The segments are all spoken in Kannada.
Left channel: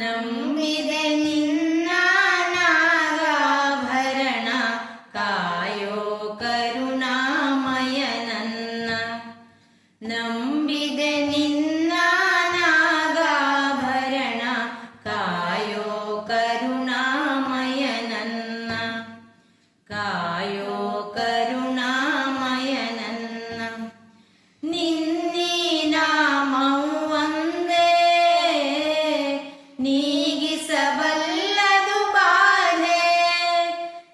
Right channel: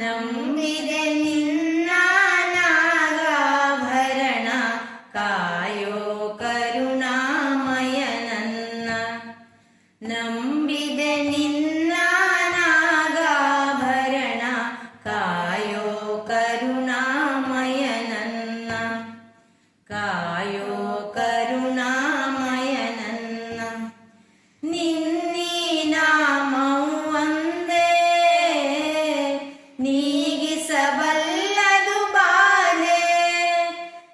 ನಂಬಿದೆ ನಿನ್ನ ನಾಗಾಭರಣ ಕಾಯೋ ಕರುಣಾಮಯ ನನ್ನ ನಂಬಿದೆ ನಿ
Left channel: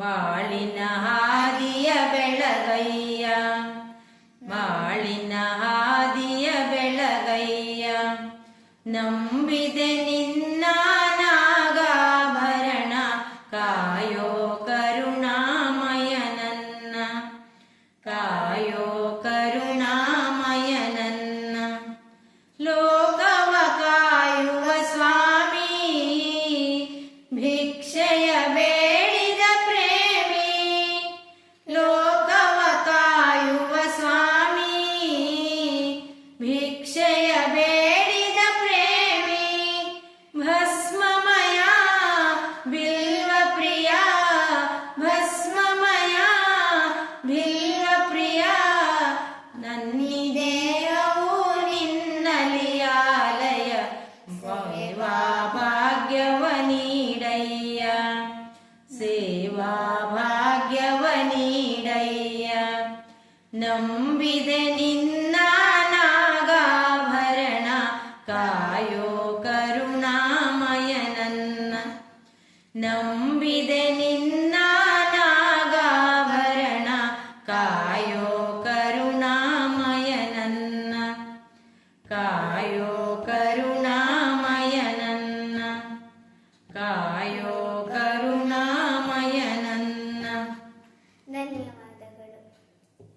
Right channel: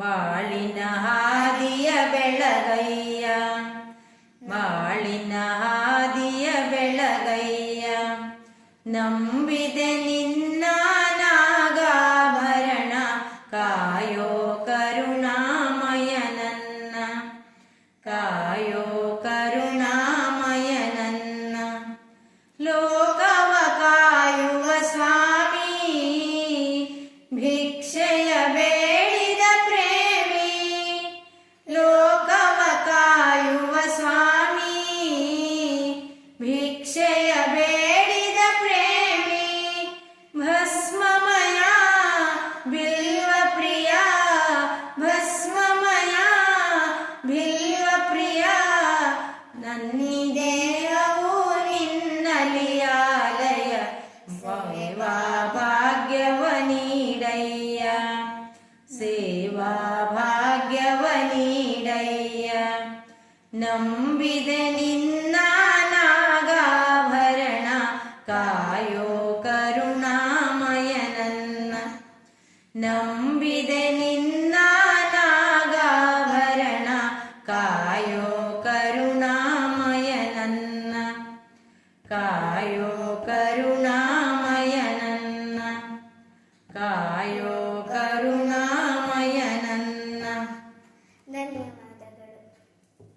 ಬಾಳಿನ ಹಾದಿಯ ಬೆಳಗಯ್ಯ ಬಾಳಿನ ಹಾದಿಯ ಬೆಳಗಯ್ಯ ನಂಬಿದೆ ನಿನ್ನ ನಾಗಾಭರಣ ಕಾಯೋ ಕರುಣಾಮಯ ನನ್ನ ಕಾಯೋ ಕರುಣಾ ಬೇಡಿದ ಪ್ರೇಮಿ ಭಸ್ಮಮಯ ಬಿಲ್ವ ಪ್ರಿಯ ಭಸ್ಮಮಯ ಬಿಲ್ವ ಪ್ರಿಯ ನನ್ನಿದೇಹವು ನಿನ್ನಲಿಯಾಲಯ ಸೇವಾ ಭಾಗ್ಯವ ನೀಡಯ್ಯ ಸೇವಾ ಭಾಗ್ಯವ ನೀಡಯ್ಯ ായോ കരുണാമയനെന്ന നമ്പിതനിന്നാഗാഭരണ കായോ കരുണാമയനെന്ന കായോ കരുണാമയനെന്ന കായോ കരുണാമ